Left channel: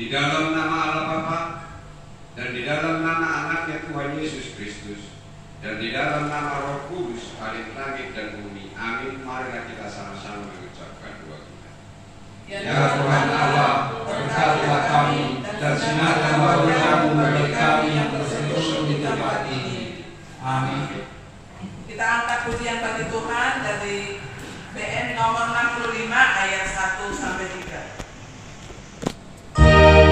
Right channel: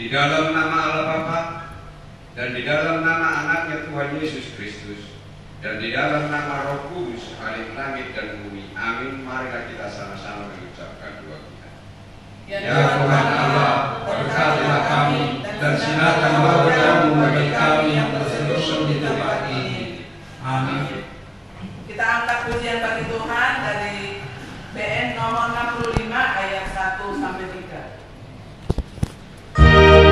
Di dalam nama Allah Bapa dan di dalam nama anaknya Tuhan Yesus Kristus dan di dalam nama Roh Kudus, Khalik langit dan bumi. Amin. Marilah kita sama-sama mengucapkan doa kita. Ya Tuhan Allah, berkatilah kami dan sinarkan wajah-Mu bagi kami yang berseru di tempat ini. Amin. Kita angkat pujian bagi Tuhan dari BN nomor 65 ayat 1 sampai 3. Yeah.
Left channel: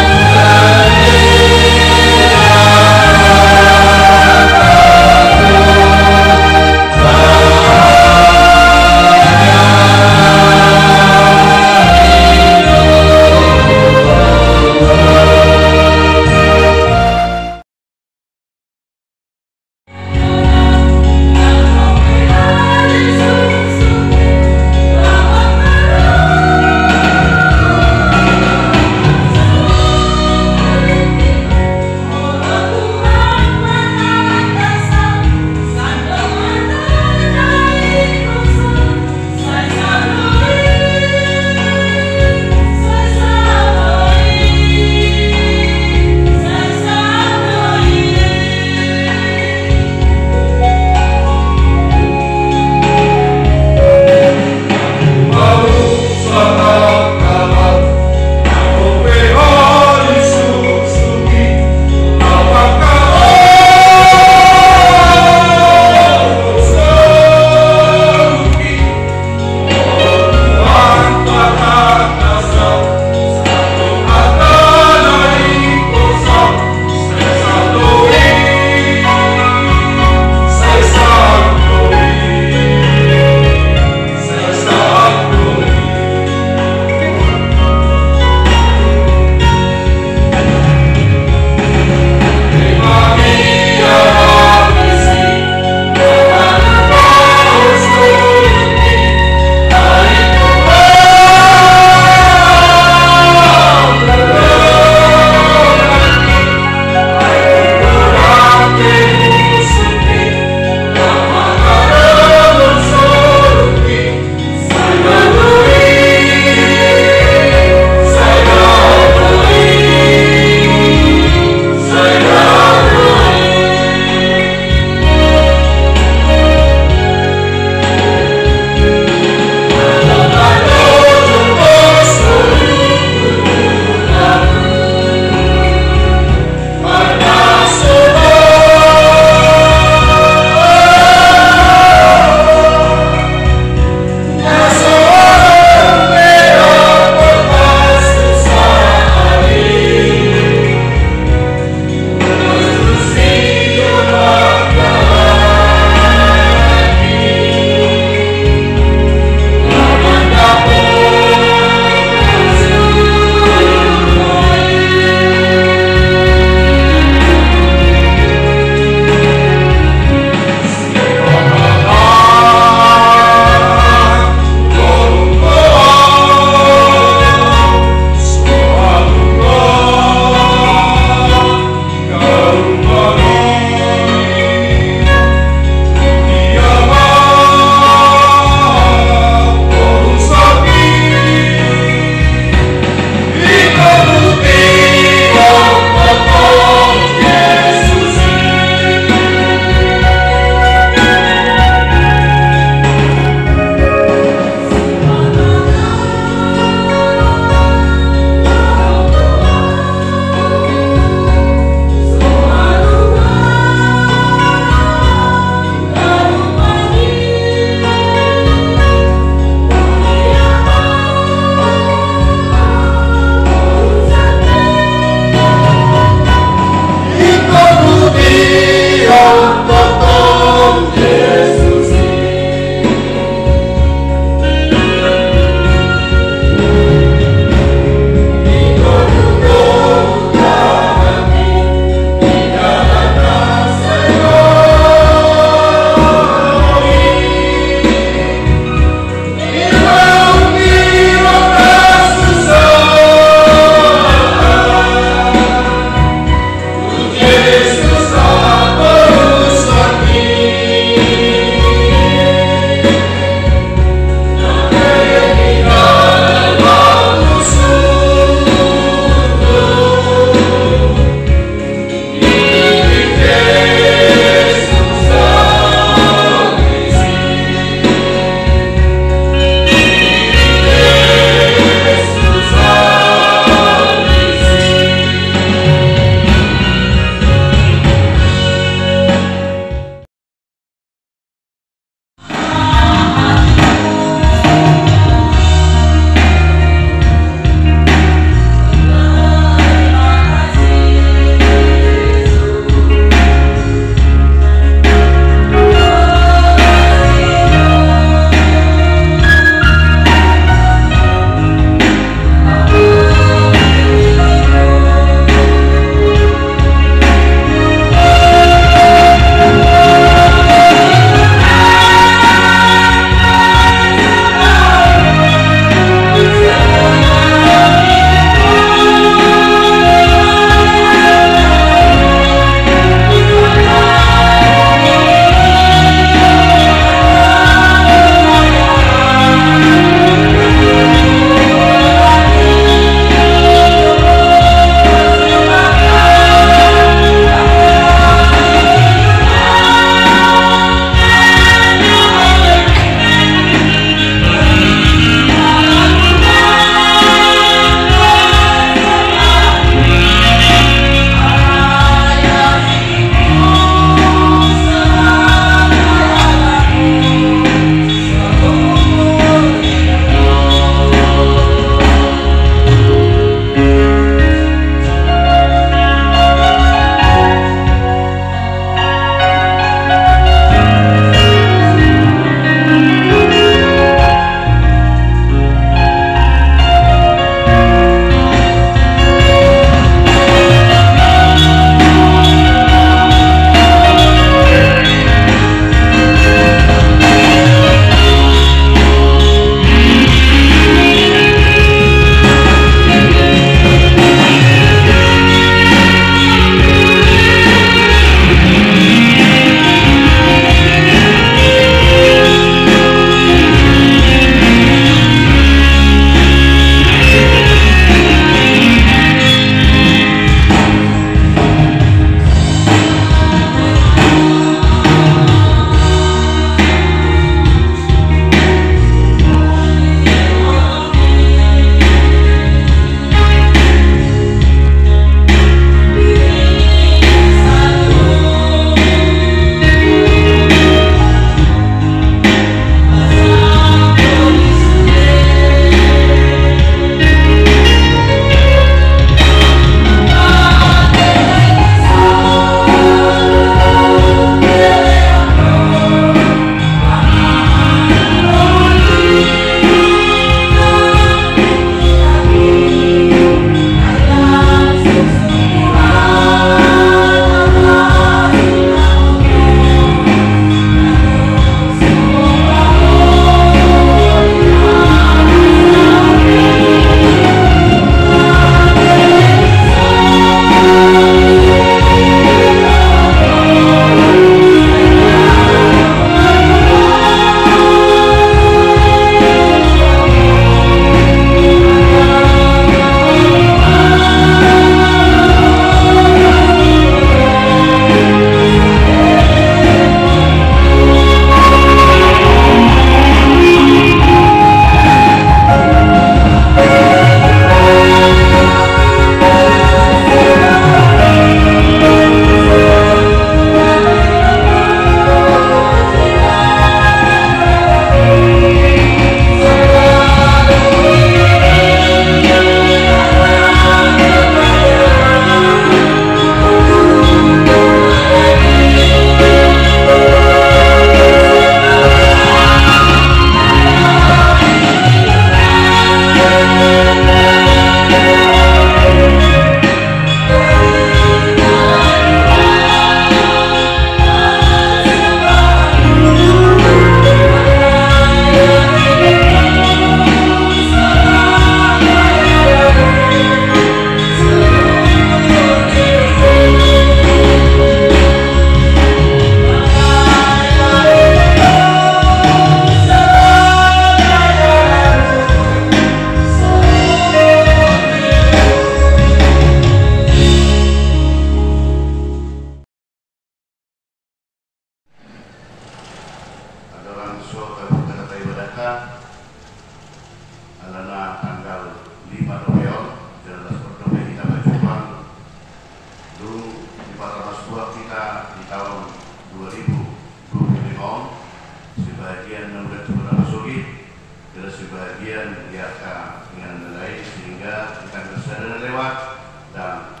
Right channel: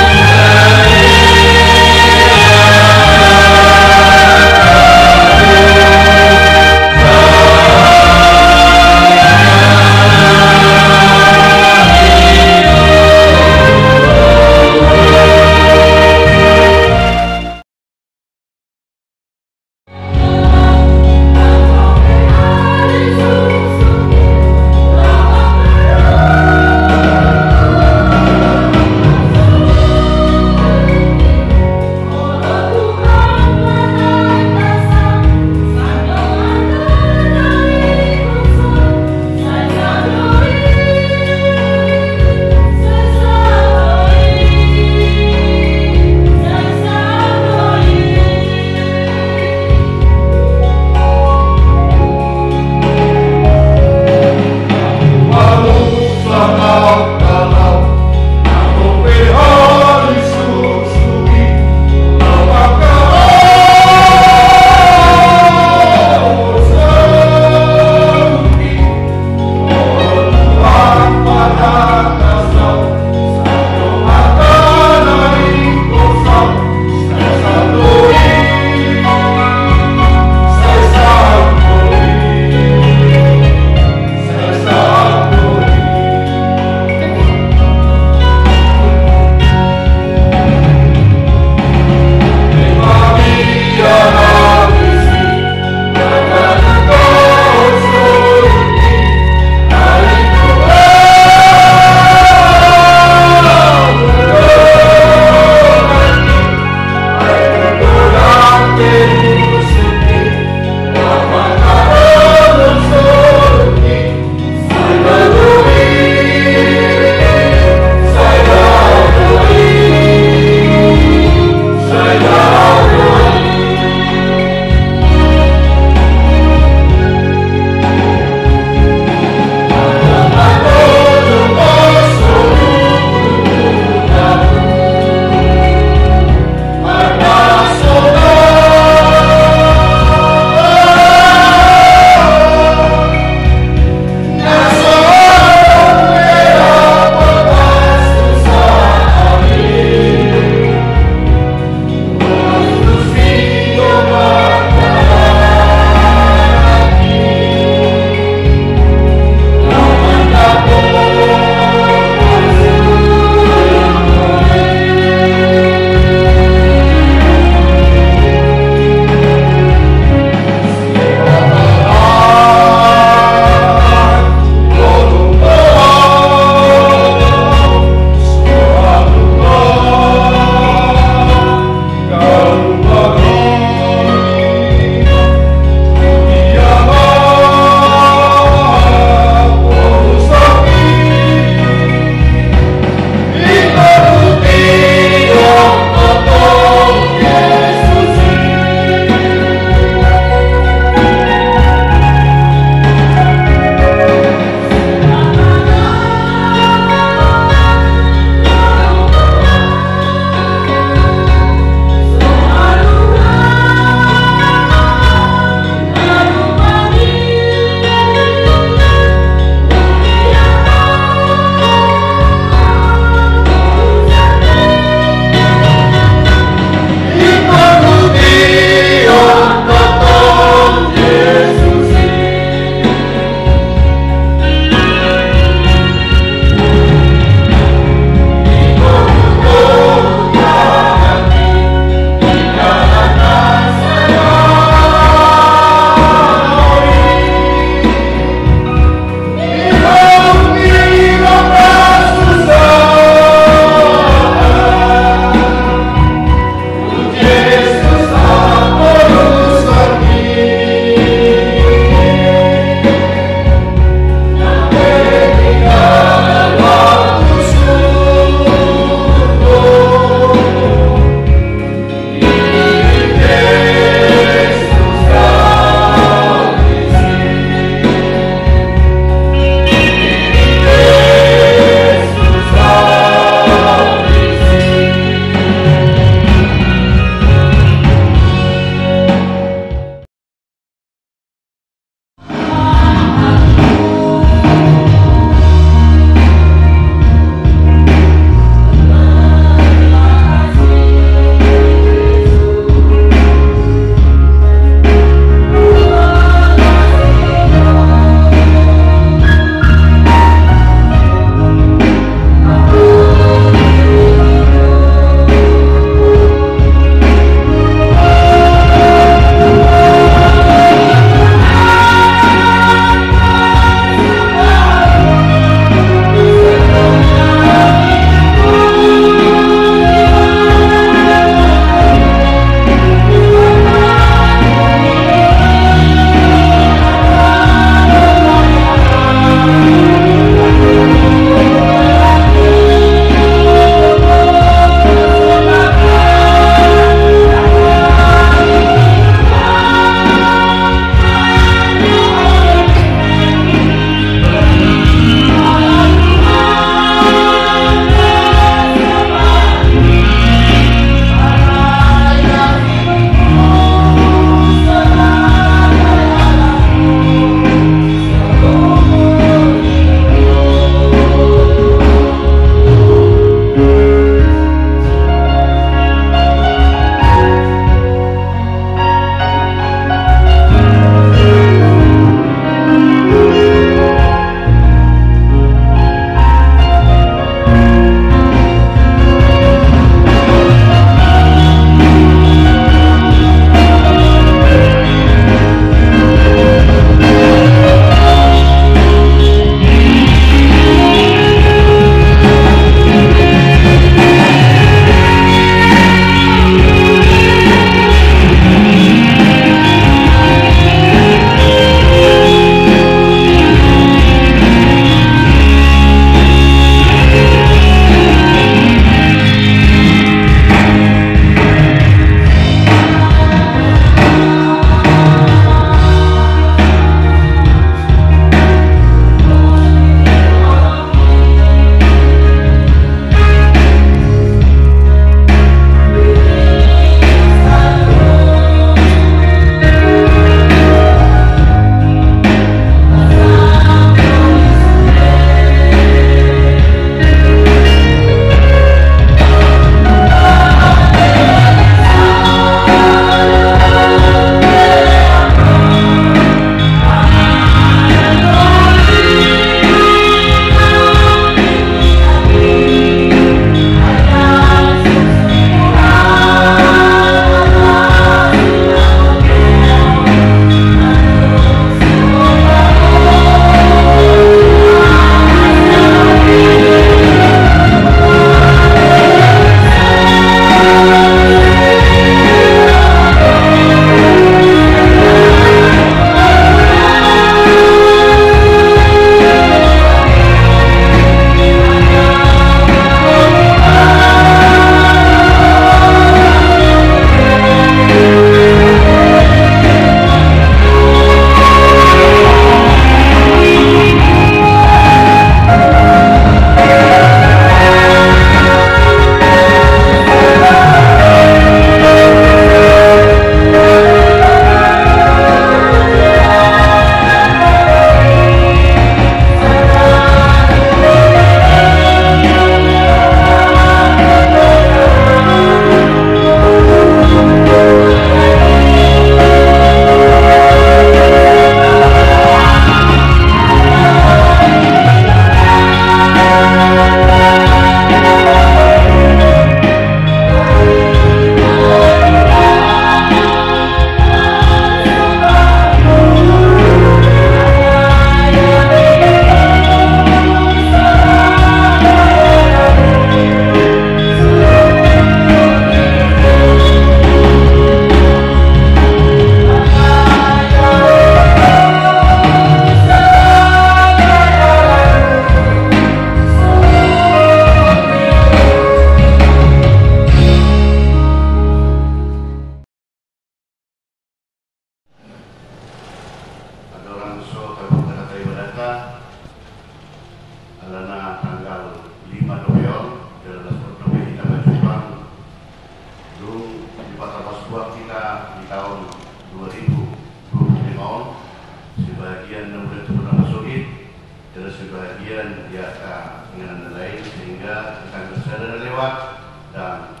kemudian biarkan dengan lain sehingga akan bisa lewat dan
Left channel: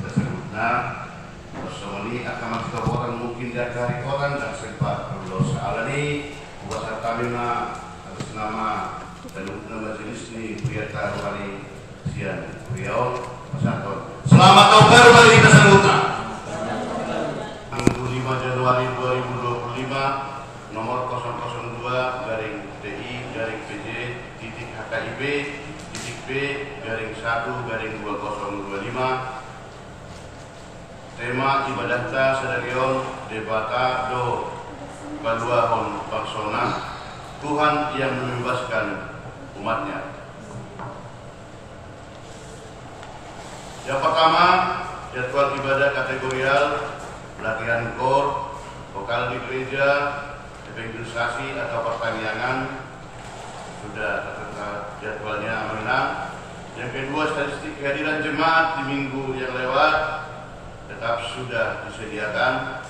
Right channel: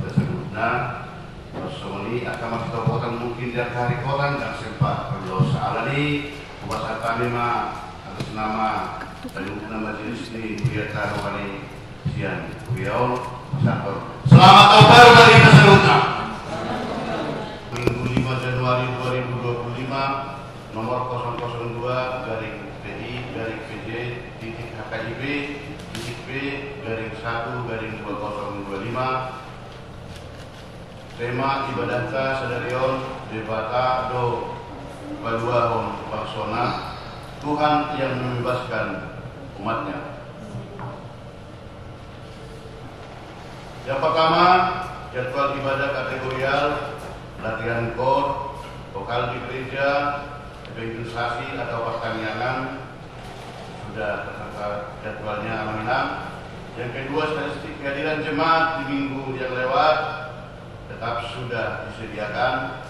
tersebutnya Personi akan masuk kabupaten mungkin dari hari koran dan sempat berdosa alani kuasa kami atas nama penuntunan majelis ini biarkan rohani siang beliau satu. Selamat tahun baru bagi kita sedunia. Minggu 5 Januari 2025 nomor 002-PJ-HKIB-P-1-2025 tema ibadahta sedarion debata do kaluahon paksona Tuhan yang membebaskan umatnya. Yang pertama, jadwal ibadah kategorial, latihan kor, vokal di gereja, evangelisasi atau pertanian sudah tertera jadwalnya amanah. Yang kedua, statistik kehadiran jemaat di minggu yang lewat tetap sudah disediakan.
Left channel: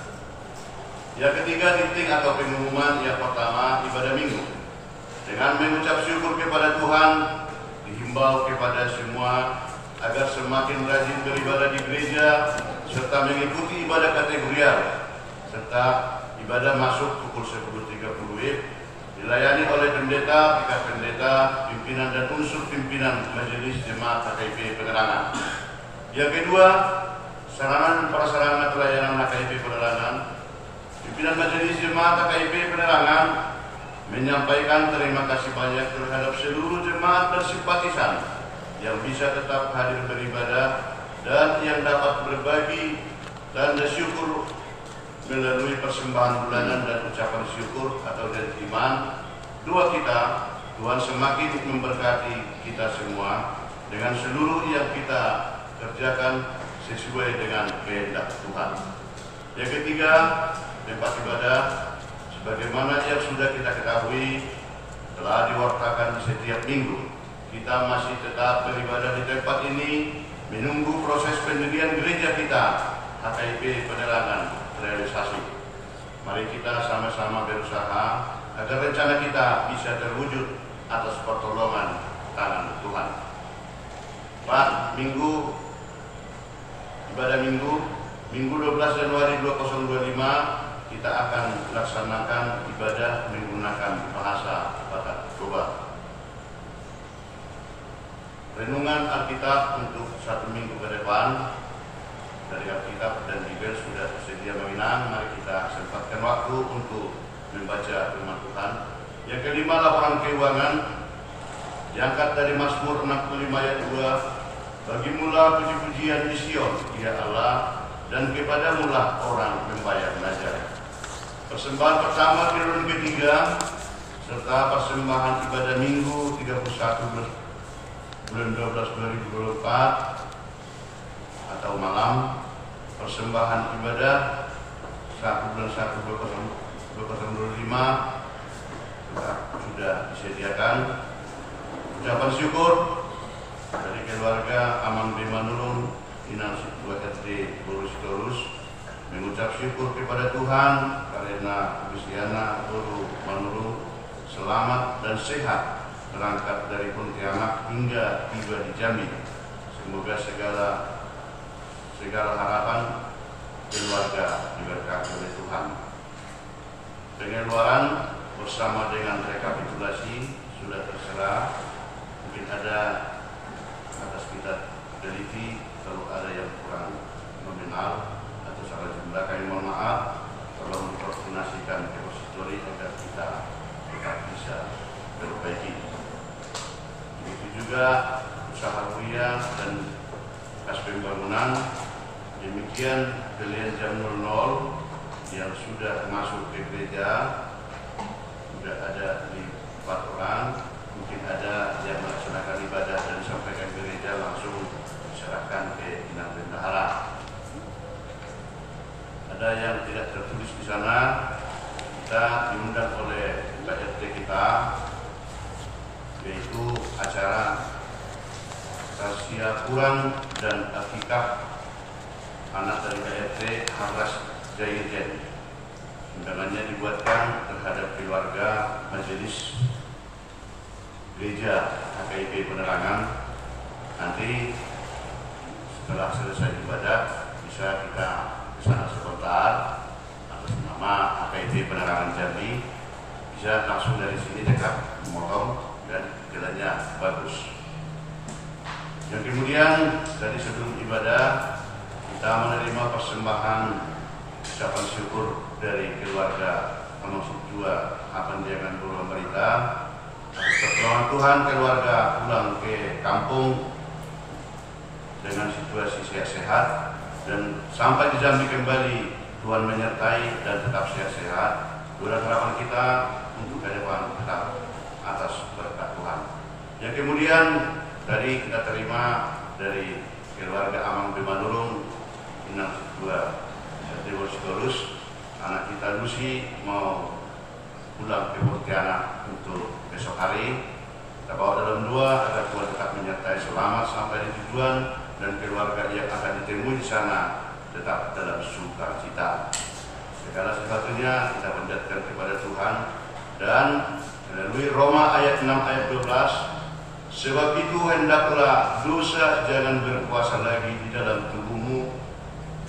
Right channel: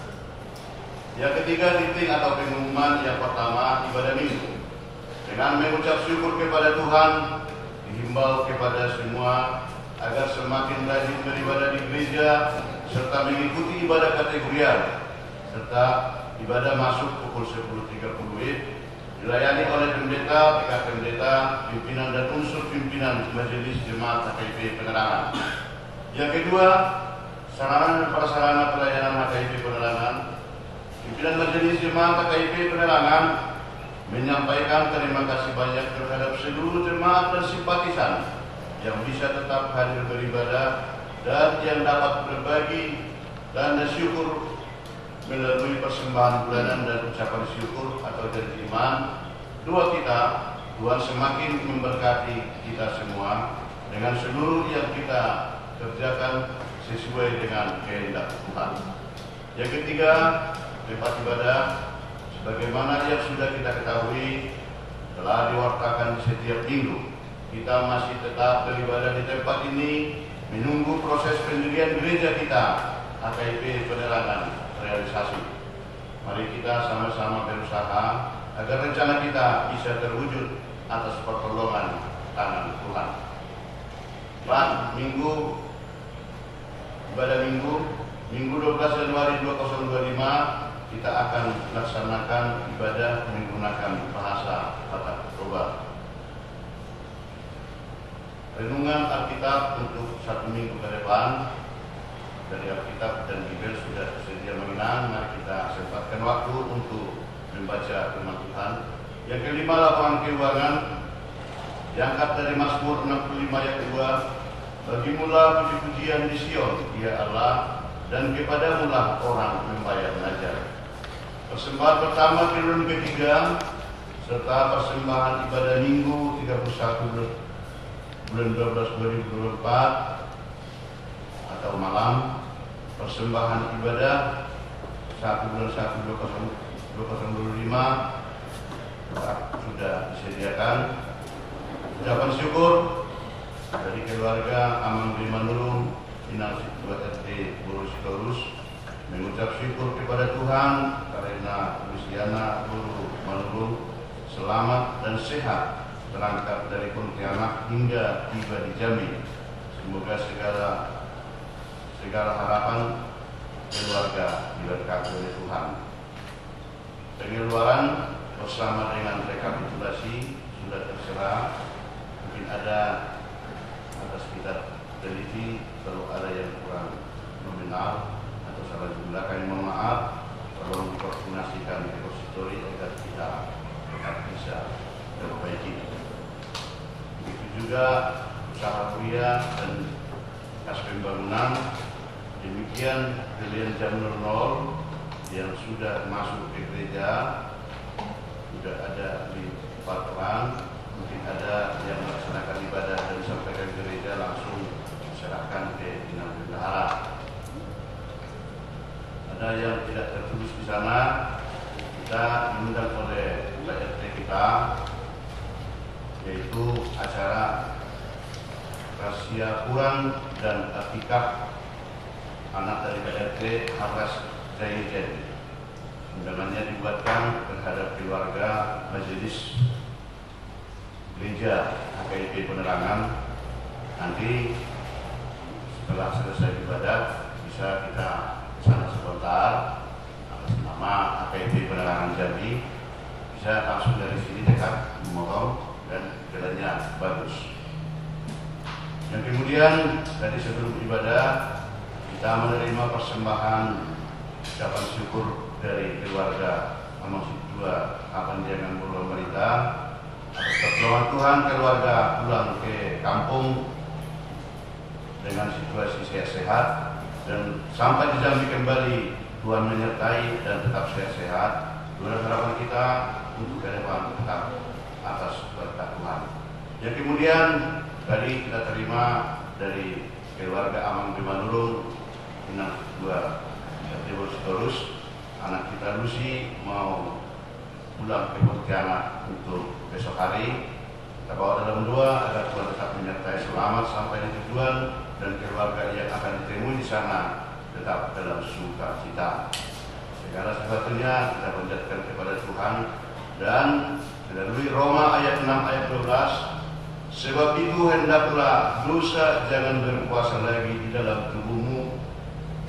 Yang ketiga, titik atau pengumuman yang pertama ibadah minggu. Dengan mengucap syukur kepada Tuhan, dihimbau kepada semua agar semakin rajin beribadah di gereja serta mengikuti ibadah kategorial serta ibadah masuk pukul 10.30 dilayani oleh pendeta, pihak pendeta, pimpinan dan unsur pimpinan majelis jemaat HKIB Penerangan. Yang kedua, sarana dan prasarana pelayanan HKIB Penerangan. Pimpinan majelis jemaat HKIB Penerangan menyampaikan terima kasih banyak terhadap seluruh jemaat dan simpatisan yang bisa tetap hadir beribadah dan yang dapat berbagi dan bersyukur melalui persembahan bulanan dan ucapan syukur atau janji iman. Doa kita, Tuhan semakin memberkati kita semua dengan seluruh yang kita kerjakan sesuai dengan kehendak Tuhan. Yang ketiga, tempat ibadah sebagaimana yang sudah kita ketahui telah diwartakan di setiap minggu. Kita masih tetap beribadah di tempat ini menunggu proses pendirian gereja kita HKIB Penerangan realisasi. Mari kita sama-sama berusaha agar rencana kita bisa terwujud atas pertolongan tangan Tuhan. Dan ibadah minggu 12 Januari 2025 kita akan laksanakan ibadah menggunakan bahasa Batak Toba. Renungan Alkitab untuk 1 minggu ke depan dari Alkitab dan Bibel sudah tersedia nominal. Mari kita sempatkan waktu untuk membaca firman Tuhan. Yang kelima, lapangan keuangan diangkat dari Mazmur 65 ayat 2. Bagimulah puji-pujian di Sion, ya Allah, dan kepadamulah orang membayar najar. Persembahan pertama triwulan ketiga serta persembahan ibadah minggu 31 bulan 12 2024 atau malam, persembahan ibadah 1 bulan 1 2025 sudah disediakan. Ucapan syukur dari keluarga Amang B. Manurung, Inal 2 RT Lurus mengucap syukur kepada Tuhan karena Kristiana Guru Manurung selamat dan sehat berangkat dari Pontianak hingga tiba di Jambi. Semoga segala harapan keluarga diberkati oleh Tuhan. Pengeluaran bersama dengan rekapitulasi sudah terserah. Mungkin ada atas kita teliti kalau ada yang kurang nominal atau salah jumlah, kami mohon maaf. Tolong dikoordinasikan repositori agar kita tetap bisa berbaiki. Begitu juga usaha kuliah dan kas pembangunan. Demikian pilihan jam 00 yang sudah masuk ke gereja sudah ada di 4 orang. Mungkin ada yang melaksanakan ibadah dan disampaikan ke gereja langsung diserahkan ke dinas bendahara. Ada yang tidak tertulis di sana, kita diundang oleh PRT kita, yaitu acara rahasia Quran dan akikah anak dari PRT Harras Jainjen. Undangannya dibuatkan terhadap keluarga majelis gereja HKIP Penerangan. Nanti setelah selesai ibadah bisa kita ke sana sebentar atas nama HKIP Penerangan Jambi. Bisa langsung dari sini dekat, memotong dan jalannya bagus. Yang kemudian tadi sebelum ibadah kita menerima persembahan ucapan syukur dari keluarga termasuk juga Jangan Pulau Merita atas pertolongan Tuhan keluarga pulang ke kampung dengan situasi sehat-sehat dan sampai di Jambi kembali Tuhan menyertai dan tetap sehat-sehat. Harapan kita untuk ke depan tetap atas berkat Tuhan. Yang kemudian tadi kita terima dari keluarga Amang Bimanurung 62 terus anak kita Lucy mau pulang ke Pontianak untuk besok hari. Kita bawa dalam doa agar Tuhan tetap menyertai selamat sampai di tujuan dan keluarga yang akan ditemui di sana tetap dalam sukacita. Segala sesuatunya kita panjatkan kepada Tuhan dan melalui Roma ayat 6 ayat 12. Sebab itu hendaklah dosa jangan berkuasa lagi di dalam tubuhmu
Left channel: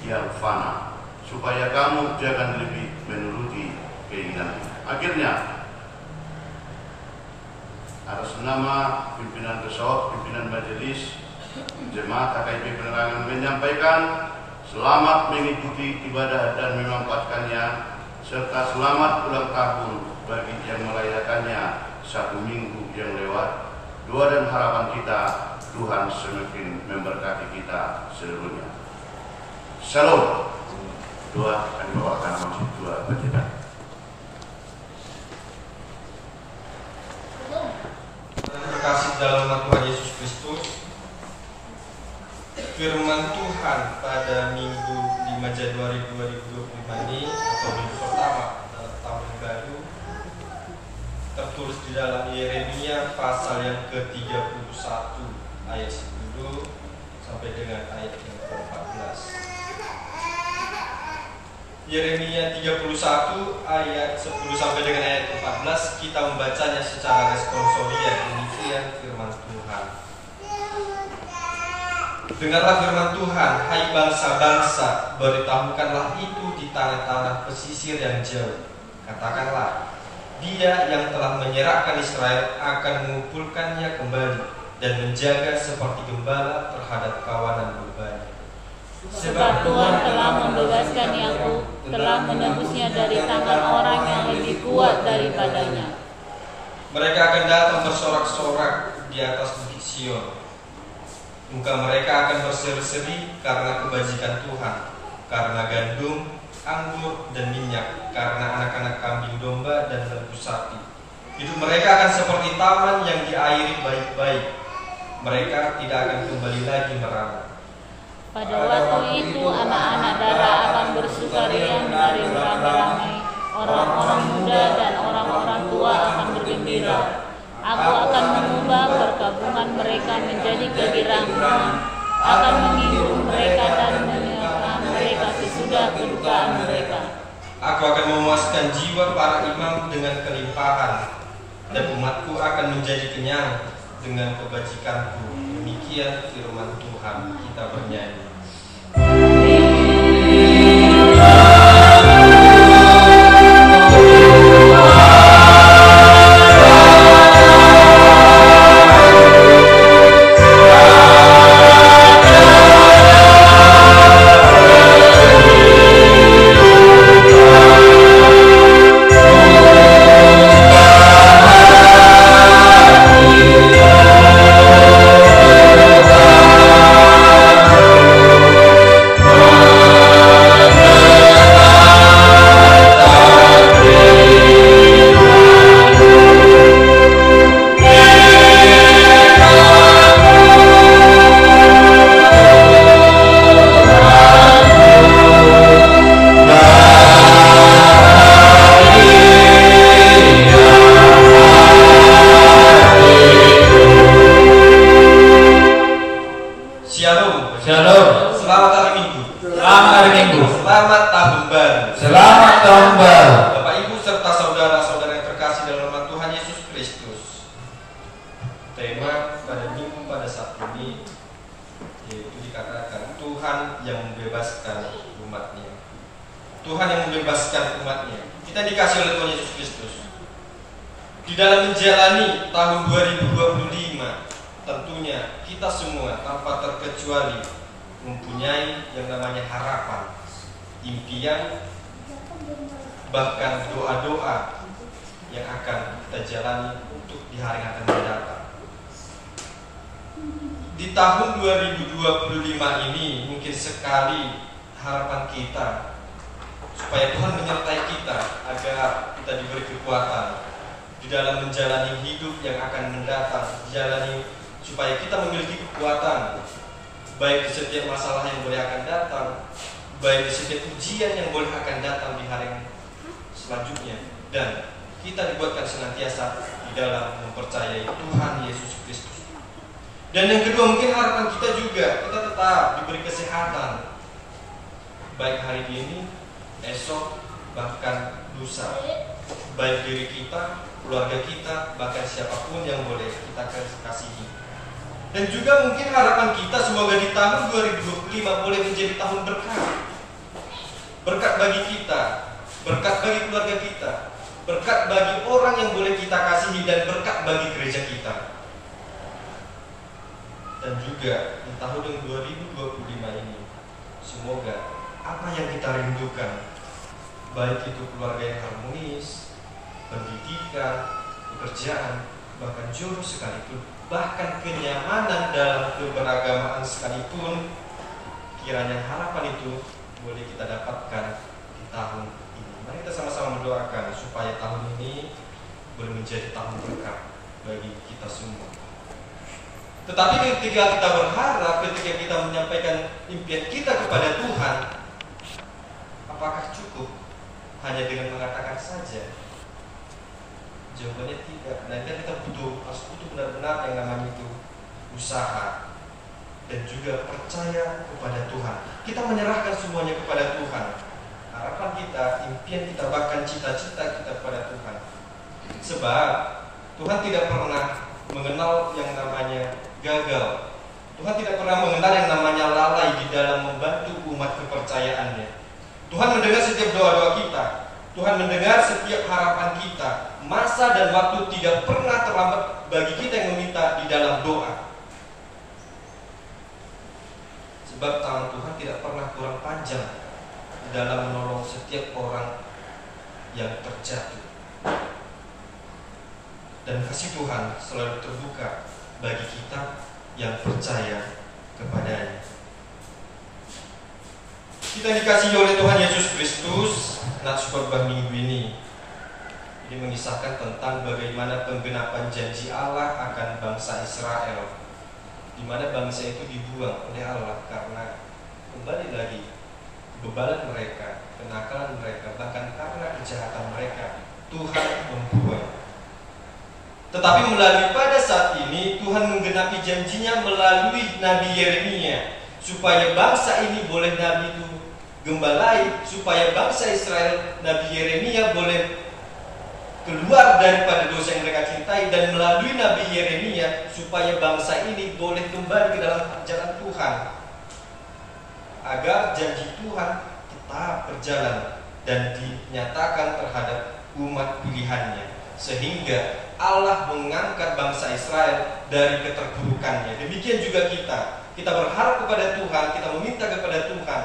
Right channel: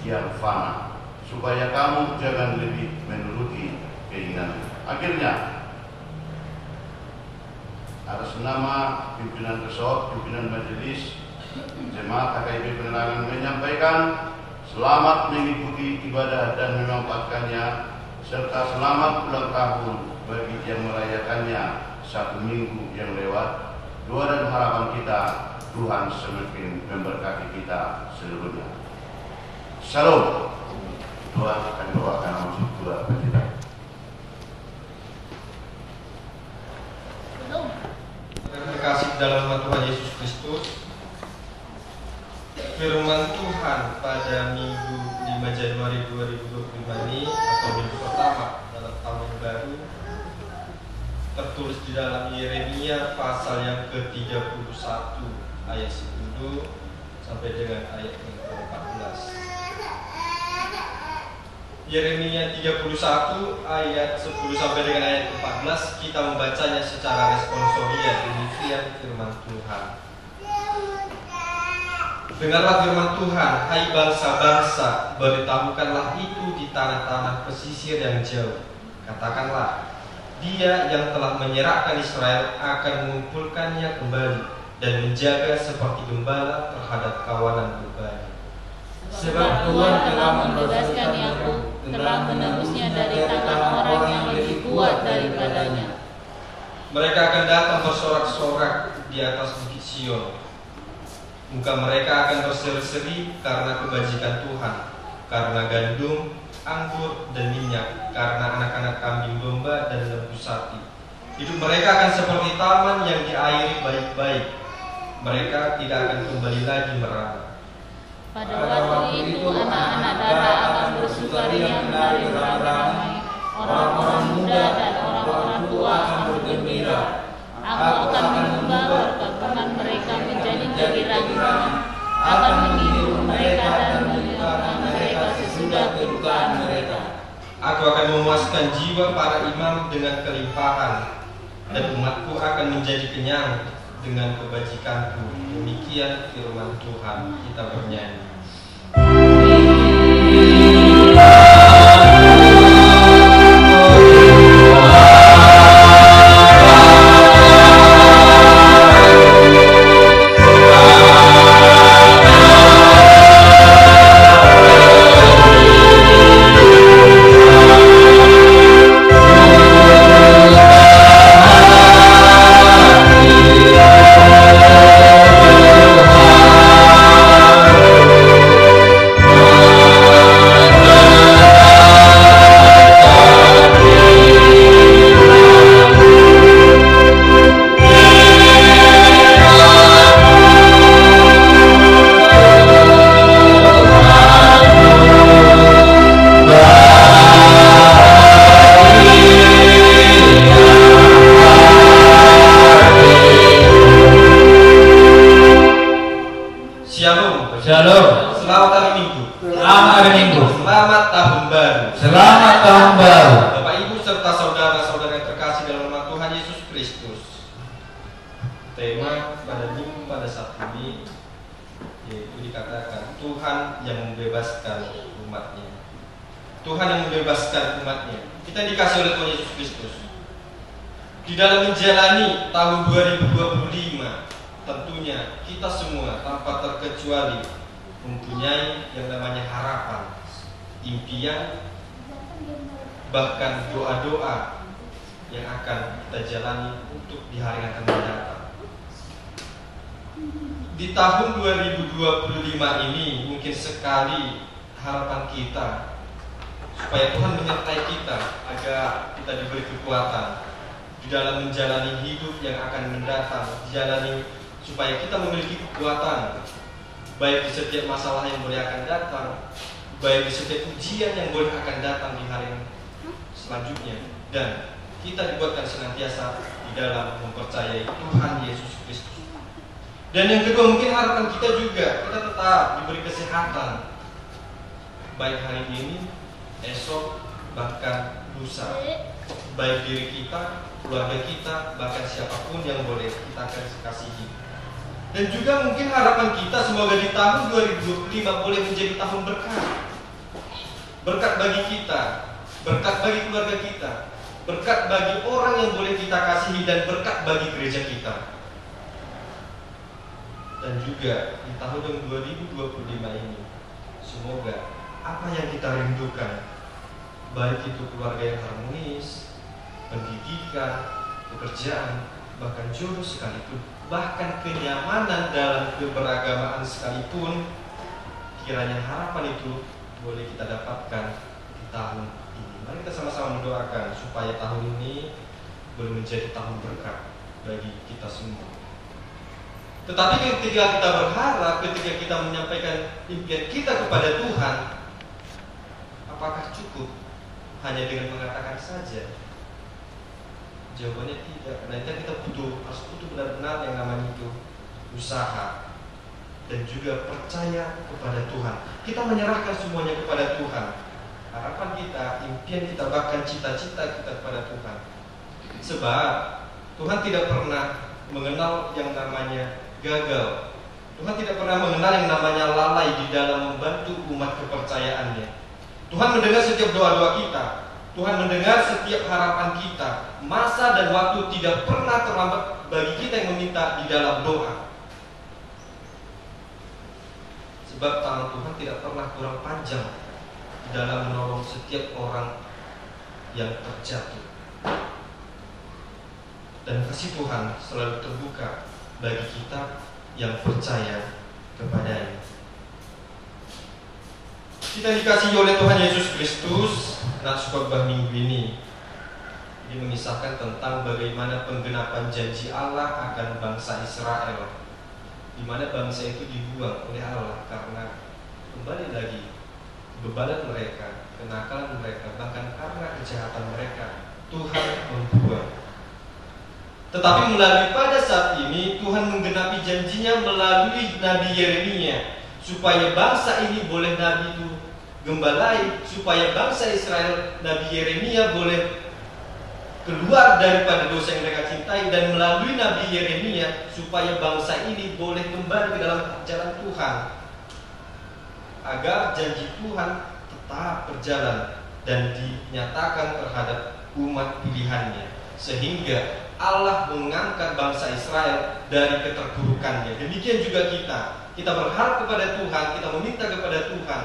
yang fana, supaya kamu jangan lebih menuruti keinginan. Akhirnya atas nama pimpinan besok, pimpinan majelis jemaat HKIP Penerangan menyampaikan selamat mengikuti ibadah dan memanfaatkannya, serta selamat ulang tahun bagi yang merayakannya 1 minggu yang lewat. Doa dan harapan kita, Tuhan semakin memberkati kita seluruhnya. Shalom. Doa akan dibawakan masuk doa ketiga. Terkasih dalam nama Tuhan Yesus Kristus, firman Tuhan pada Minggu 5 Januari 2025 ini atau minggu pertama dalam tahun baru tertulis di dalam Yeremia pasal yang ke-31 ayat 10 sampai dengan ayat yang ke-14. Yeremia 31 ayat 10 sampai dengan ayat ke-14 kita membacanya secara responsorial. Demikian firman Tuhan. Dengarlah firman Tuhan, hai bangsa-bangsa, beritahukanlah itu di tanah-tanah pesisir yang jauh. Katakanlah, Dia yang telah menyerahkan Israel akan mengumpulkannya kembali dan menjaga seperti gembala terhadap kawanan domba. Sebab Tuhan telah membebaskan Yakub, telah menebusnya dari tangan orang yang lebih kuat daripadanya. Mereka akan datang bersorak-sorak di atas bukit Sion. Muka mereka akan berseri-seri karena kebajikan Tuhan, karena gandum, anggur, dan minyak, karena anak-anak kambing domba dan lembu sapi. Hidup mereka akan seperti taman yang diairi baik-baik. Mereka tidak akan kembali lagi merana. Pada waktu itu anak-anak darah akan bersukaria menari beramai-ramai, orang-orang muda dan orang-orang tua akan bergembira. Aku akan mengubah perkabungan mereka menjadi kegirangan, akan menghibur mereka dan menyerahkan mereka sesudah kedukaan mereka. Aku akan memuaskan jiwa para imam dengan kelimpahan, dan umatku akan menjadi kenyang dengan kebajikanku. Demikian firman Tuhan. Kita bernyanyi. Shalom. Selamat hari Minggu. Selamat hari Minggu. Selamat tahun baru. Selamat tahun baru. Bapak Ibu serta saudara-saudara yang terkasih dalam nama Tuhan Yesus Kristus. tema pada minggu pada Sabtu ini yaitu dikatakan Tuhan yang membebaskan umatnya. Tuhan yang membebaskan umatnya. Kita dikasih oleh Tuhan Yesus Kristus. Di dalam menjalani tahun 2025, tentunya kita semua tanpa terkecuali mempunyai yang namanya harapan, impian, bahkan doa-doa yang akan kita jalani untuk di hari yang akan mendatang. Di tahun 2025 ini mungkin sekali harapan kita supaya Tuhan menyertai kita agar kita diberi kekuatan di dalam menjalani hidup yang akan mendatang, jalani supaya kita memiliki kekuatan baik di setiap masalah yang boleh akan datang, baik di setiap ujian yang boleh akan datang di hari yang selanjutnya, dan kita dibuatkan senantiasa di dalam mempercayai Tuhan Yesus Kristus. Dan yang kedua, mungkin harapan kita juga kita tetap diberi kesehatan baik hari ini, esok, bahkan lusa, baik diri kita, keluarga kita, bahkan siapapun yang boleh kita kasihi. Dan juga mungkin harapan kita semoga di tahun 2025 boleh menjadi tahun berkah. Berkat bagi kita, berkat bagi keluarga kita, berkat bagi orang yang boleh kita kasihi, dan berkat bagi gereja kita. Dan juga di tahun 2025 ini semoga apa yang kita rindukan, baik itu keluarga yang harmonis, pendidikan, pekerjaan, bahkan jodoh sekalipun, bahkan kenyamanan dalam keberagamaan sekalipun, kiranya harapan itu boleh kita dapatkan di tahun ini. Mari kita sama-sama mendoakan supaya tahun ini boleh menjadi tahun berkah bagi kita semua. Tetapi ketika kita berharap, ketika kita menyampaikan impian kita kepada Tuhan, apakah cukup hanya dengan mengatakan saja? Jawabannya tidak. Nanti kita harus butuh benar-benar yang namanya itu usaha dan juga percaya kepada Tuhan. Kita menyerahkan semuanya kepada Tuhan. Harapan kita, impian kita, bahkan cita-cita kita kepada Tuhan. Sebab Tuhan tidak pernah mengenal yang namanya gagal. Tuhan tidak pernah mengenal yang namanya lalai di dalam membantu umat kepercayaannya. Tuhan mendengar setiap doa-doa kita. Tuhan mendengar setiap harapan kita. Masa dan waktu tidak pernah terlambat bagi kita yang meminta di dalam doa. Sebab tangan Tuhan tidak pernah kurang panjang dalam menolong setiap orang yang terjatuh. Dan kasih Tuhan selalu terbuka bagi kita yang percaya kepadanya. Kita dikasihi oleh Tuhan Yesus Kristus. Nats khotbah minggu ini mengisahkan tentang bagaimana penggenapan janji Allah akan bangsa Israel, di mana bangsa itu dibuang oleh Allah karena kembali lagi kebebalan mereka, kenakalan mereka, bahkan karena kejahatan mereka, Tuhan membuang. Tetapi melalui pada saat ini Tuhan menggenapi janjinya melalui Nabi Yeremia, supaya bangsa ini boleh Nabi itu gembalai, supaya bangsa Israel, Nabi Yeremia boleh keluar daripada dosa yang mereka cintai, dan melalui Nabi Yeremia supaya bangsa ini boleh kembali ke dalam jalan Tuhan, agar janji Tuhan tetap berjalan dan dinyatakan terhadap umat pilihannya, sehingga Allah mengangkat bangsa Israel dari keterpurukannya. Demikian juga kita berharap kepada Tuhan, kita meminta kepada Tuhan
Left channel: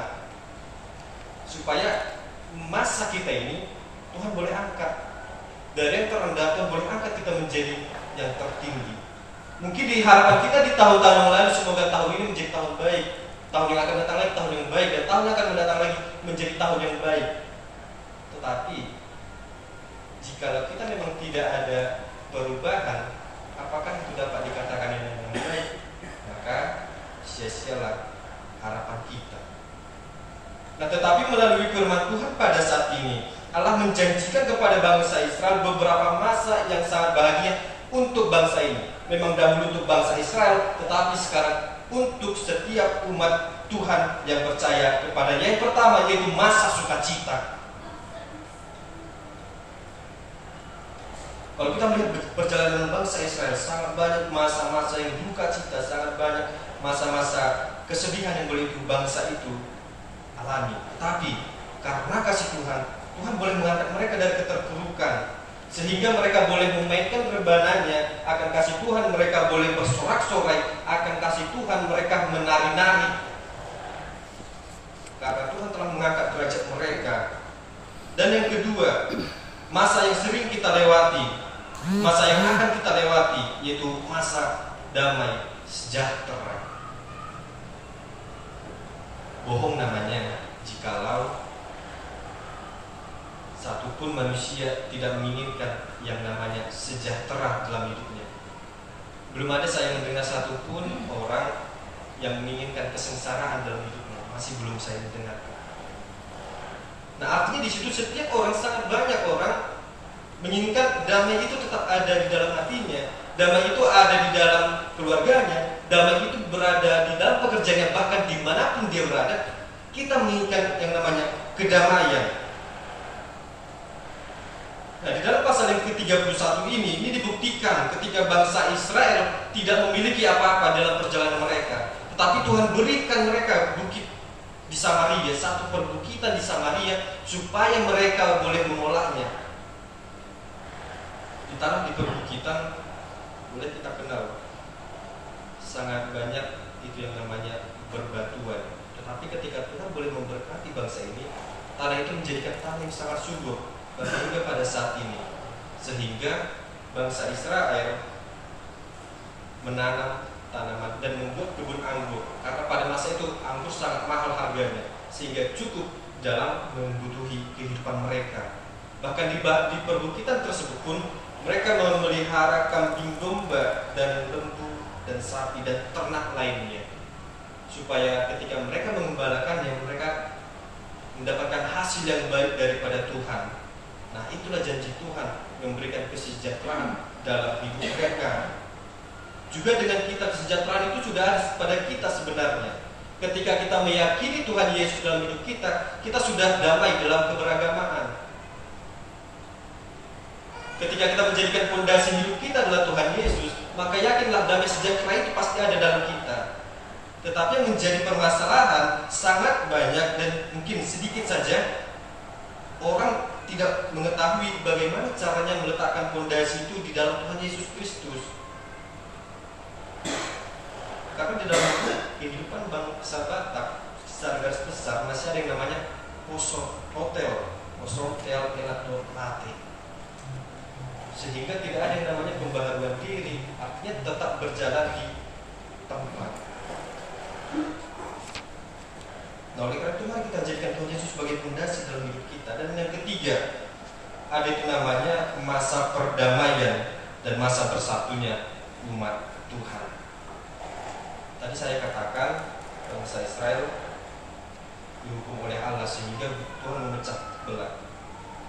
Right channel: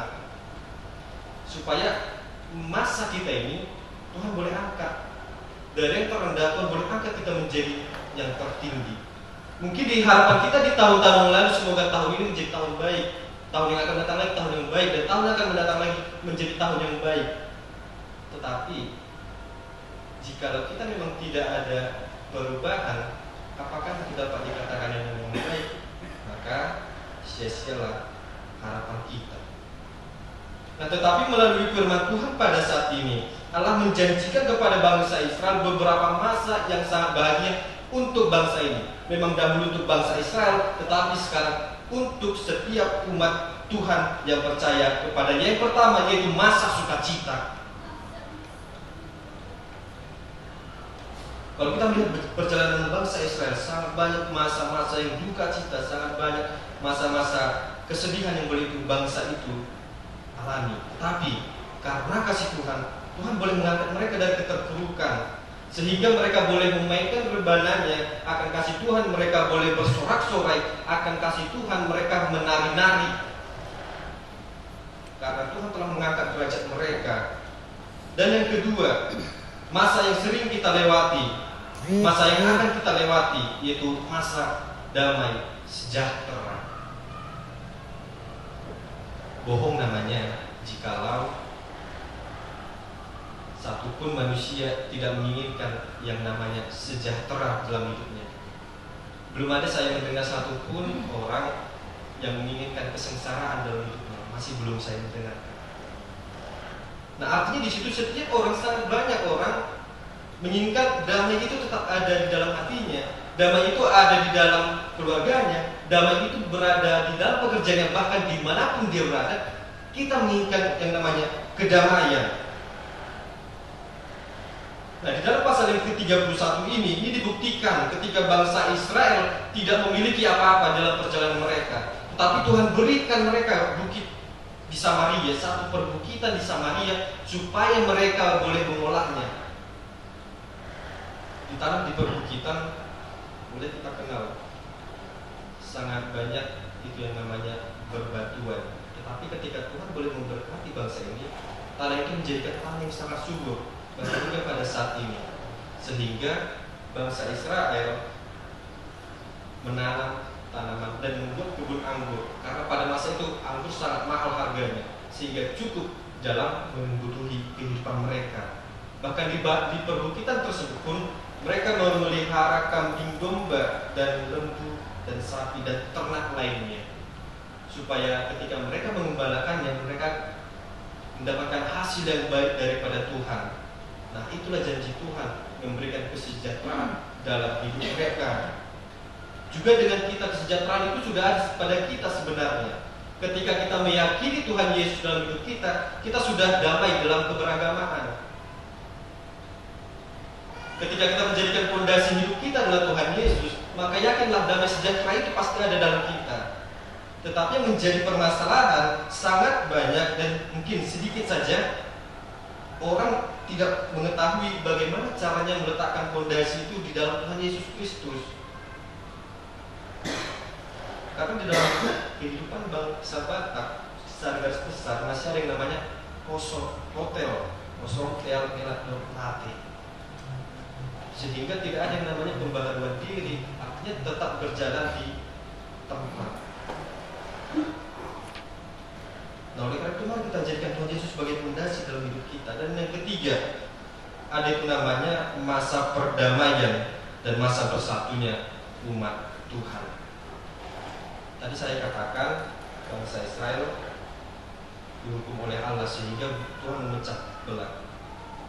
supaya masa kita ini Tuhan boleh angkat dari yang terendah, Tuhan boleh angkat kita menjadi yang tertinggi. Mungkin di harapan kita di tahun-tahun yang lalu, semoga tahun ini menjadi tahun baik, tahun yang akan datang lagi tahun yang baik, dan tahun yang akan mendatang lagi menjadi tahun yang baik. Tetapi jika kita memang tidak ada perubahan, apakah itu dapat dikatakan yang baik? Maka sia-sialah harapan kita. Nah, tetapi melalui firman Tuhan pada saat ini, Allah menjanjikan kepada bangsa Israel beberapa masa yang sangat bahagia untuk bangsa ini. Memang dahulu untuk bangsa Israel, tetapi sekarang untuk setiap umat Tuhan yang percaya kepadanya. Yang pertama yaitu masa sukacita. Kalau kita melihat perjalanan bangsa Israel, sangat banyak masa-masa yang duka cita, sangat banyak masa-masa kesedihan yang boleh itu bangsa itu alami. Tetapi karena kasih Tuhan, Tuhan boleh mengangkat mereka dari keterpurukan, sehingga mereka boleh memainkan rebanannya. Akan kasih Tuhan mereka boleh bersorak-sorai, akan kasih Tuhan mereka menari-nari, karena Tuhan telah mengangkat derajat mereka. Dan yang kedua, masa yang sering kita lewati, masa yang akan kita lewati, yaitu masa damai sejahtera. Bohong namanya jikalau satupun manusia tidak menginginkan yang namanya sejahtera dalam hidupnya. Belum ada saya mendengar satupun orang yang menginginkan kesengsaraan dalam hidupnya. Masih belum saya mendengarkan. Nah, artinya di situ setiap orang, sangat banyak orang menginginkan damai itu tetap ada di dalam hatinya, damai itu ada di dalam keluarganya, damai itu berada di dalam pekerjaannya, bahkan dimanapun dia berada. Kita menginginkan yang namanya kedamaian. Nah, di dalam pasal yang ke-31 ini dibuktikan ketika bangsa Israel tidak memiliki apa-apa dalam perjalanan mereka, tetapi Tuhan berikan mereka bukit di Samaria, satu perbukitan di Samaria, supaya mereka boleh mengolahnya. Di tanah di perbukitan boleh kita kenal sangat banyak itu yang namanya berbatuan. Tetapi ketika Tuhan boleh memberkati bangsa ini, tanah itu menjadikan tanah yang sangat subur, bahkan juga pada saat ini, sehingga bangsa Israel menanam tanaman dan membuat kebun anggur, karena pada masa itu anggur sangat mahal harganya, sehingga cukup dalam membutuhi kehidupan mereka. Bahkan di perbukitan tersebut pun mereka memelihara kambing domba dan lembu dan sapi dan ternak lainnya, supaya ketika mereka mengembalakannya, mereka mendapatkan hasil yang baik daripada Tuhan. Nah, itulah janji Tuhan, memberikan kesejahteraan dalam hidup mereka. Juga dengan kita, kesejahteraan itu sudah ada pada kita sebenarnya. Ketika kita meyakini Tuhan Yesus dalam hidup kita, kita sudah damai dalam keberagamaan. Ketika kita menjadikan fondasi hidup kita adalah Tuhan Yesus, maka yakinlah damai sejahtera itu pasti ada dalam kita. Tetapi yang menjadi permasalahan sangat banyak dan mungkin sedikit saja orang tidak mengetahui bagaimana caranya meletakkan fondasi itu di dalam Tuhan Yesus Kristus. Karena di dalam kehidupan bangsa Batak secara garis besar masih ada yang namanya hotel enak mati, sehingga tidak ada yang namanya pembaharuan diri, artinya tetap berjalan di tempat. Nah, oleh karena itu mari kita jadikan Tuhan Yesus sebagai fondasi dalam hidup kita. Dan yang ketiga, ada itu namanya masa perdamaian dan masa bersatunya umat Tuhan. Tadi saya katakan bangsa Israel dihukum oleh Allah sehingga Tuhan memecah belah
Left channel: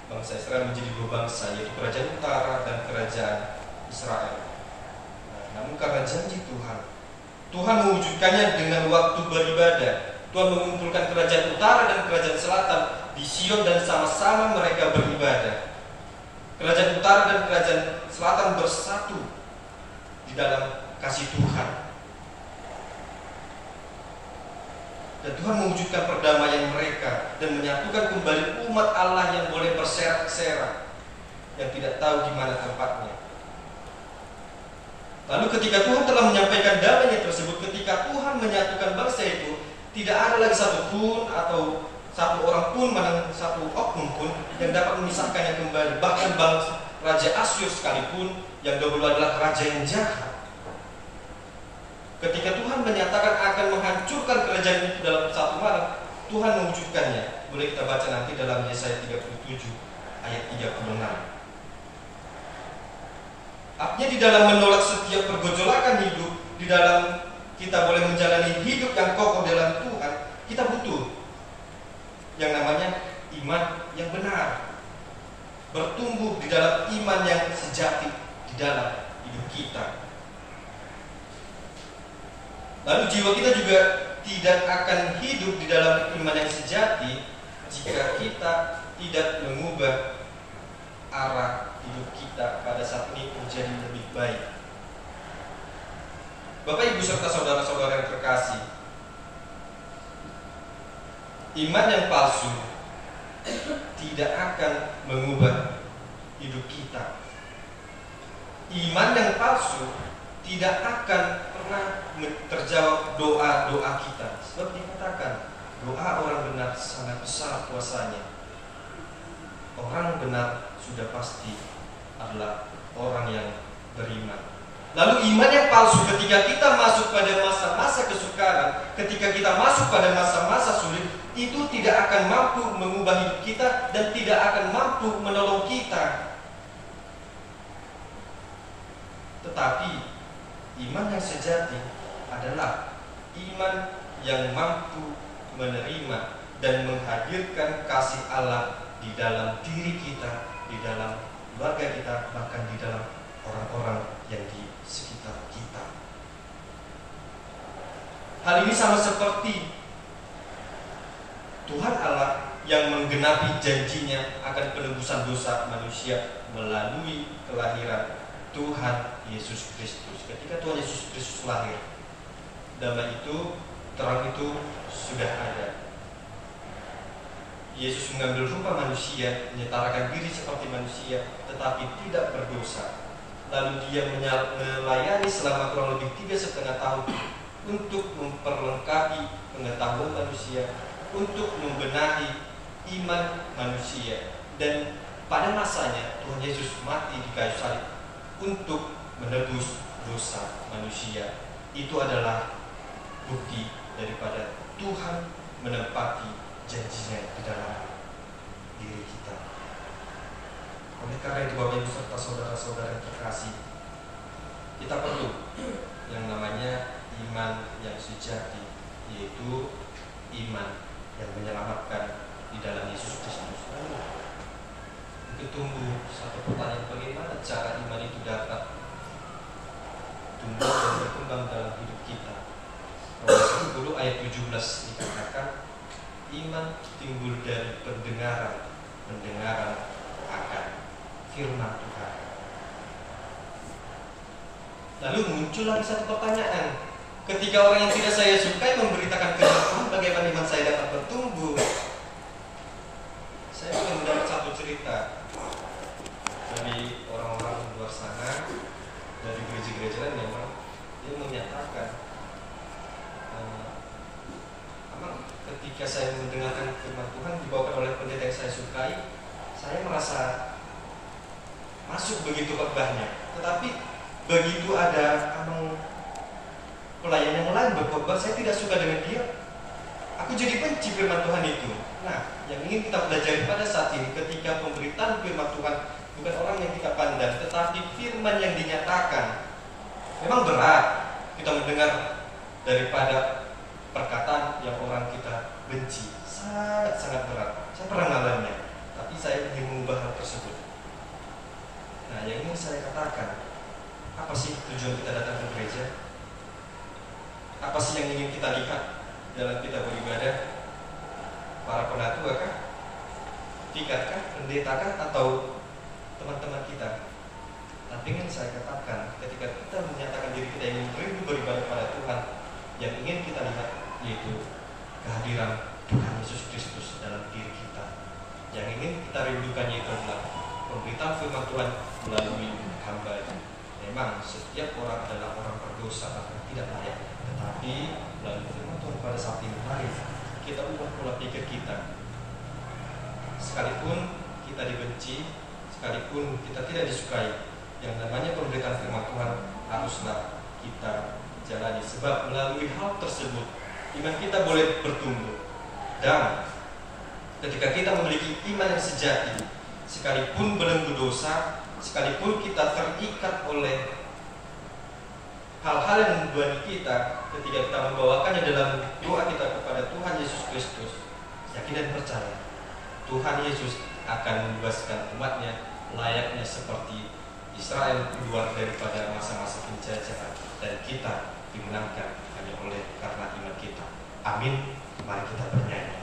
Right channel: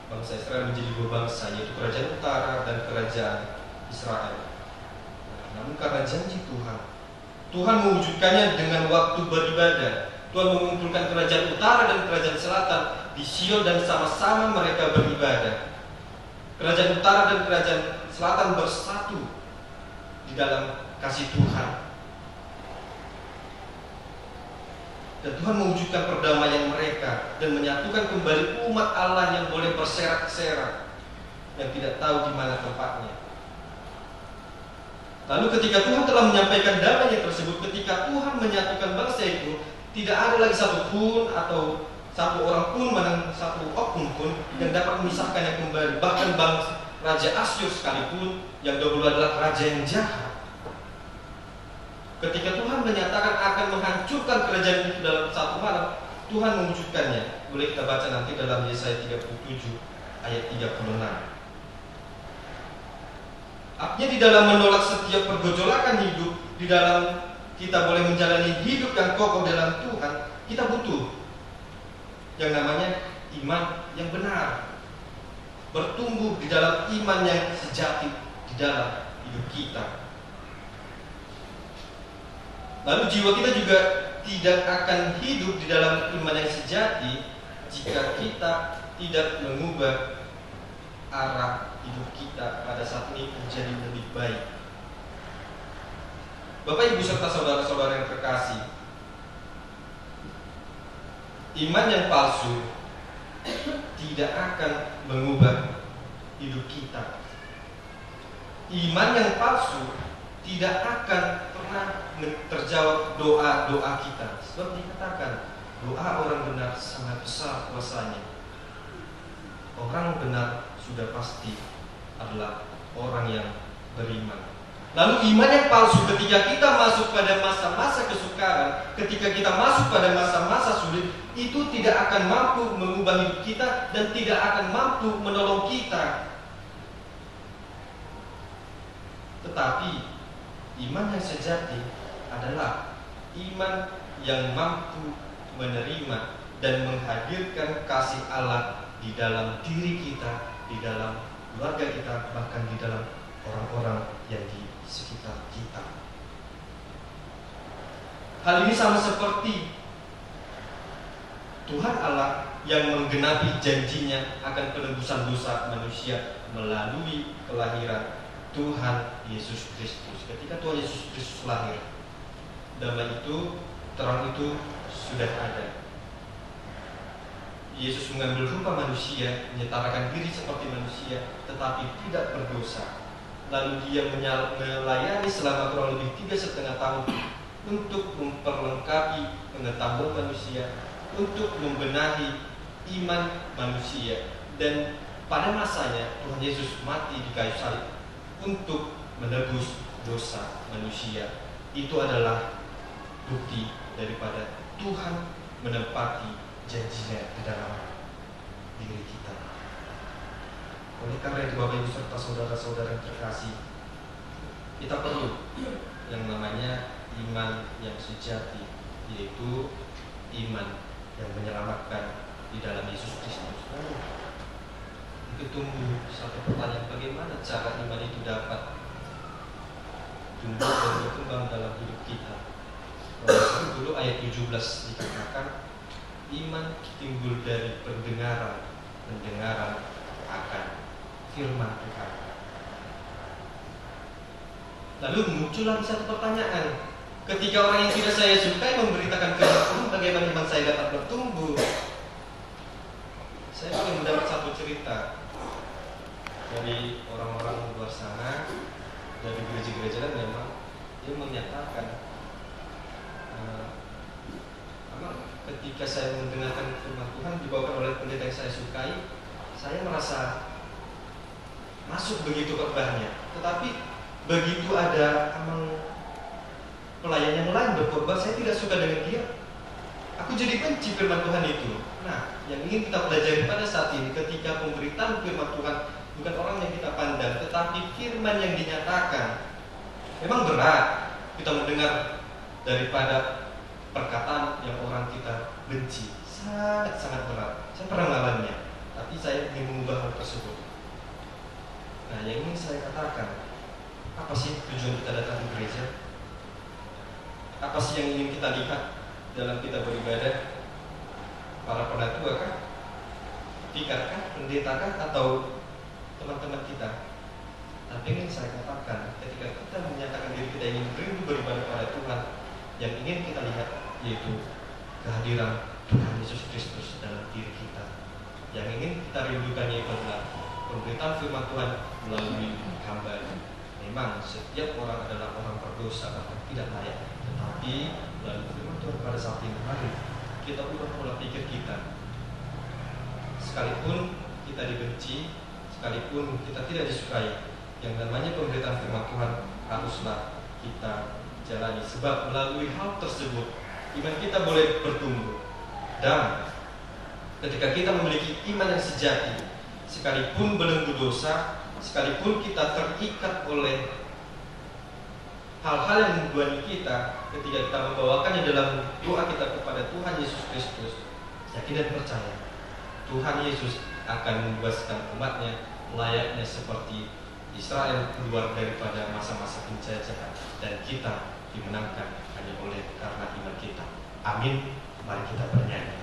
bangsa Israel menjadi dua bangsa, yaitu kerajaan utara dan kerajaan Israel. Namun karena janji Tuhan mewujudkannya dengan waktu beribadah. Tuhan mengumpulkan kerajaan utara dan kerajaan selatan di Sion dan sama-sama mereka beribadah. Kerajaan utara dan kerajaan selatan bersatu di dalam kasih Tuhan. Dan Tuhan mewujudkan perdamaian mereka dan menyatukan kembali umat Allah yang boleh berserak-serak, yang tidak tahu di mana tempatnya. Lalu ketika Tuhan telah menyampaikan damai tersebut, ketika Tuhan menyatukan bangsa itu, tidak ada lagi satupun atau satu orang pun, satu oknum pun yang dapat memisahkannya kembali. Bahkan bangsa Raja Asyur sekalipun yang dahulu adalah raja yang jahat, ketika Tuhan menyatakan akan menghancurkan kerajaan itu dalam satu malam, Tuhan mewujudkannya. Boleh kita baca nanti dalam Yesaya 37 ayat 36. Artinya di dalam menolak setiap pergejolakan hidup, di dalam kita boleh menjalani hidup yang kokoh dalam Tuhan, kita butuh yang namanya iman yang benar, bertumbuh di dalam iman yang sejati di dalam hidup kita. Lalu jiwa kita juga tidak akan hidup di dalam iman yang sejati jika kita tidak mengubah arah hidup kita. kita pada saat ini menjadi lebih baik. Bapak Ibu serta saudara-saudara yang terkasih, iman yang palsu tidak akan mengubah hidup kita. Iman yang palsu tidak akan pernah terjawab doa-doa kita. Sebab dikatakan doa orang benar sangat besar kuasanya. Orang benar sudah pasti adalah orang yang beriman. Lalu iman yang palsu ketika kita masuk pada masa-masa kesukaran, ketika kita masuk pada masa-masa sulit, itu tidak akan mampu mengubah hidup kita dan tidak akan mampu menolong kita. Tetapi iman yang sejati adalah iman yang mampu menerima dan menghadirkan kasih Allah di dalam diri kita, di dalam keluarga kita, bahkan di dalam orang-orang yang di sekitar kita. Hal ini sama seperti Tuhan Allah yang menggenapi janjinya akan penebusan dosa manusia melalui kelahiran Tuhan Yesus Kristus. Ketika Tuhan Yesus Kristus lahir, damai itu, terang itu sudah ada. Yesus mengambil rupa manusia, menyetarakan diri seperti manusia, tetapi tidak berdosa. Lalu dia melayani selama kurang lebih 3,5 tahun untuk memperlengkapi pengetahuan manusia, untuk membenahi iman manusia. Dan pada masanya Tuhan Yesus mati di kayu salib untuk menebus dosa manusia. Itu adalah bukti daripada Tuhan menepati janjinya di dalam diri kita. Oleh karena itu Bapak Ibu serta saudara-saudara terkasih, kita perlu yang namanya iman yang sejati, yaitu iman yang menyelamatkan di dalam Yesus Kristus. Mungkin tumbuh satu pertanyaan, bagaimana cara iman itu dapat tumbuh dan berkembang dalam hidup kita? Roma 10 ayat 17 dikatakan, iman timbul dari pendengaran akan firman Tuhan. Lalu muncul lagi satu pertanyaan, ketika orang yang tidak saya sukai memberitakan firman Tuhan, bagaimana iman saya dapat bertumbuh? Saya boleh mendapat satu cerita dari orang-orang luar sana, dari gereja-gereja lain, memang dia menyatakan ketika saya mendengarkan firman Tuhan dibawakan oleh pendeta yang saya sukai, saya merasa masuk begitu khotbahnya. Tetapi begitu ada pelayan yang lain berkhotbah, saya tidak suka dengan dia. Aku jadi benci firman Tuhan itu. Nah, yang ingin kita pelajari pada saat ini, ketika pemberitaan firman Tuhan bukan orang yang kita pandang, tetapi firman yang dinyatakan. Memang berat kita mendengar daripada perkataan yang orang kita benci, sangat berat. Saya pernah mengalaminya, tapi saya ingin mengubah hal tersebut. Nah, yang ingin saya katakan, apa sih tujuan kita datang ke gereja? Apa sih yang ingin kita lihat dalam kita beribadah? Para penatua kah? Dikat kah? Pendeta kah? Atau teman-teman kita? Tapi ingin saya katakan, ketika kita menyatakan diri kita ingin rindu beribadah pada Tuhan, yang ingin kita lihat yaitu kehadiran Tuhan Yesus Kristus dalam diri kita. Yang ingin kita rindukan yaitu adalah pemberitaan firman Tuhan melalui hamba-Nya. Memang setiap orang adalah orang berdosa atau tidak layak, tetapi melalui firman Tuhan pada saat ini, mari kita ubah pola pikir kita. Sekalipun kita dibenci, sekalipun kita tidak disukai, yang namanya pemberitaan firman Tuhan haruslah kita jalani. Sebab melalui hal tersebut iman kita boleh bertumbuh. Dan ketika kita memiliki iman yang sejati, sekalipun belenggu dosa, sekalipun kita terikat oleh hal-hal yang membebani kita, ketika kita membawakannya dalam doa kita kepada Tuhan Yesus Kristus, yakin dan percaya Tuhan Yesus akan membebaskan umatnya layaknya seperti Israel keluar daripada masa-masa penjajahan, dan kita dimenangkan hanya oleh karena iman kita. Amin. Mari kita bernyanyi.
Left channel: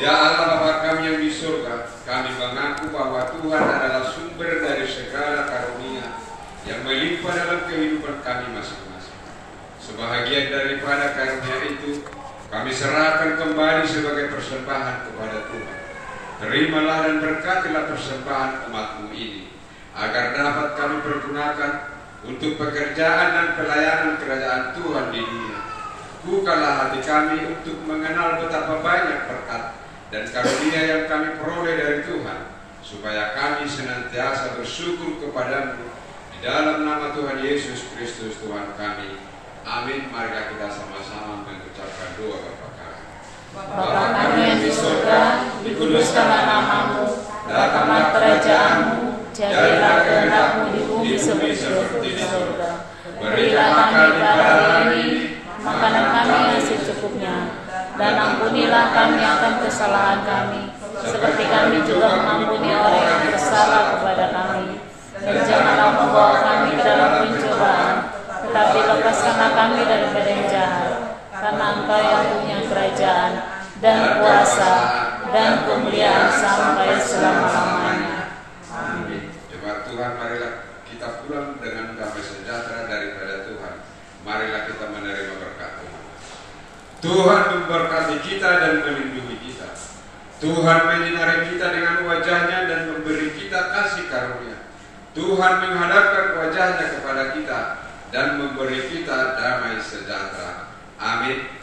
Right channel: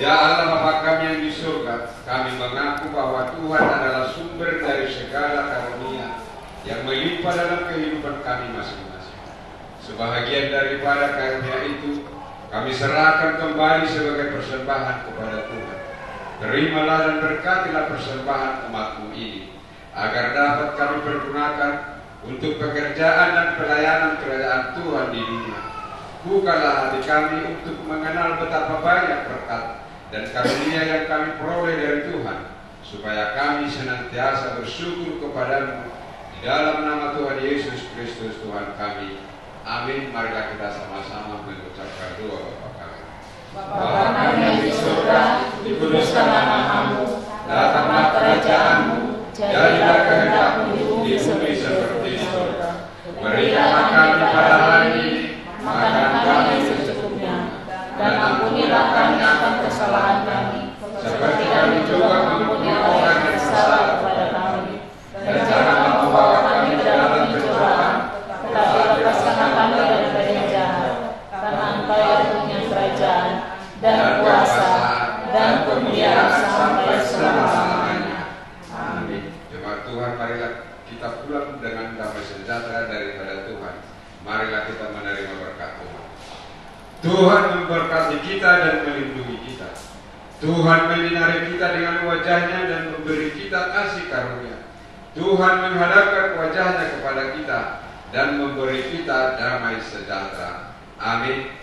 Ya Allah Bapa kami yang di surga, kami mengaku bahwa Tuhan adalah sumber dari segala karunia yang melimpah dalam kehidupan kami masing-masing. Sebahagian daripada karunia itu kami serahkan kembali sebagai persembahan kepada Tuhan. Terimalah dan berkatilah persembahan umat-Mu ini, agar dapat kami pergunakan untuk pekerjaan dan pelayanan kerajaan Tuhan di dunia. Bukalah hati kami untuk mengenal betapa banyak berkat dan karunia yang kami peroleh dari Tuhan, supaya kami senantiasa bersyukur kepada-Mu di dalam nama Tuhan Yesus Kristus Tuhan kami. Amin. Marilah kita sama-sama mengucapkan doa Bapa kami. Bapa kami yang di surga, dikuduskanlah nama-Mu, datanglah kerajaan-Mu, jadilah kehendak-Mu di bumi seperti di surga. Berilah kami pada hari ini makanan kami yang secukupnya, dan ampunilah kami akan kesalahan kami, seperti kami juga mengampuni orang yang bersalah kepada kami. Dan janganlah membawa kami ke dalam pencobaan, tetapi lepaskanlah kami daripada yang jahat, karena Engkau yang punya kerajaan dan kuasa dan kemuliaan sampai selama-lamanya. Amin. Jemaat Tuhan, marilah kita pulang dengan damai sejahtera daripada Tuhan. Marilah kita menerima berkat Tuhan. Tuhan memberkati kita dan melindungi kita. Tuhan menyinari kita dengan wajah-Nya dan memberi kita kasih karunia. Tuhan menghadapkan wajah-Nya kepada kita dan memberi kita damai sejahtera. Amin.